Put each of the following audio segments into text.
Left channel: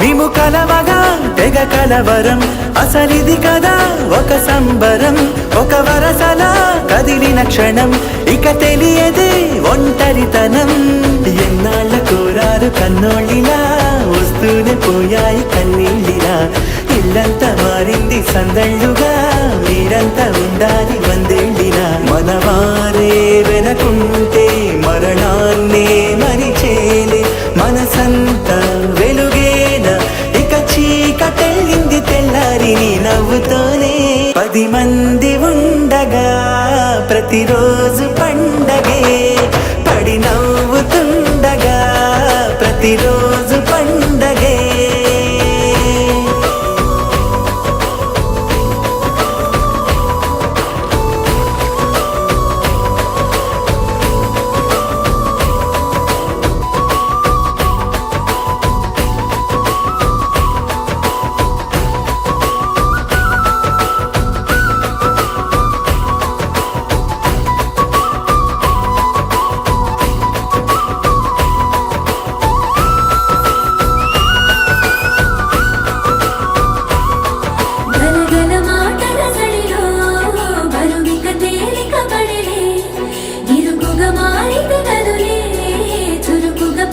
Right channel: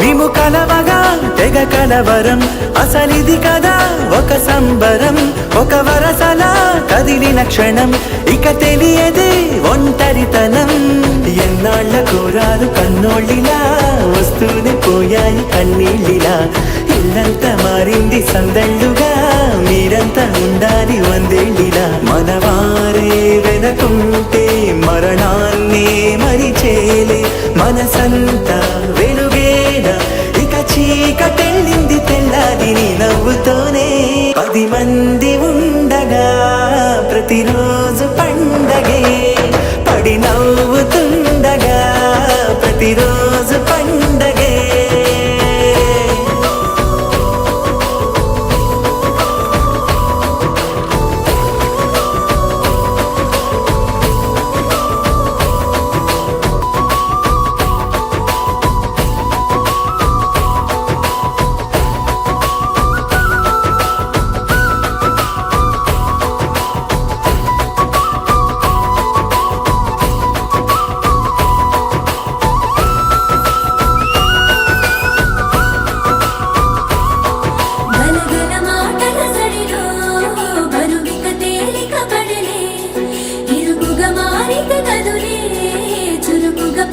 మేము కలవగా తెగ కలవరం, అసలిది కదా ఒక సంబరం. ఒక వరసలా కదిలిన క్షణం, ఇక తెలియదే ఒంటరితనం. ఎన్నాళ్ళ కోరాలు కన్నోళ్ళిలా, వస్తూనే పోయాయి కన్నీళ్ళిలా. ఇల్లంతా మారింది సందళ్ళుగా, మీరంతా ఉండాలి వందేళ్ళిలా. మనవారే వెనకుంటే మరణాన్నే మరిచేలే, మనసంతా వెలుగేనా ఇక చీకటెళ్ళింది తెల్లారి నీ నవ్వుతోనే. 10 మంది ఉండగా ప్రతిరోజు పండగే, పడి నవ్వుతుండగా ప్రతిరోజు పండగే.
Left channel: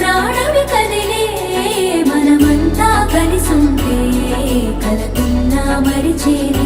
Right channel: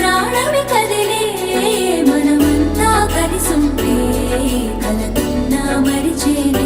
ప్రాణమి కదిలే మనమంతా కలిసుంటే కలకున్నా మరిచేలే.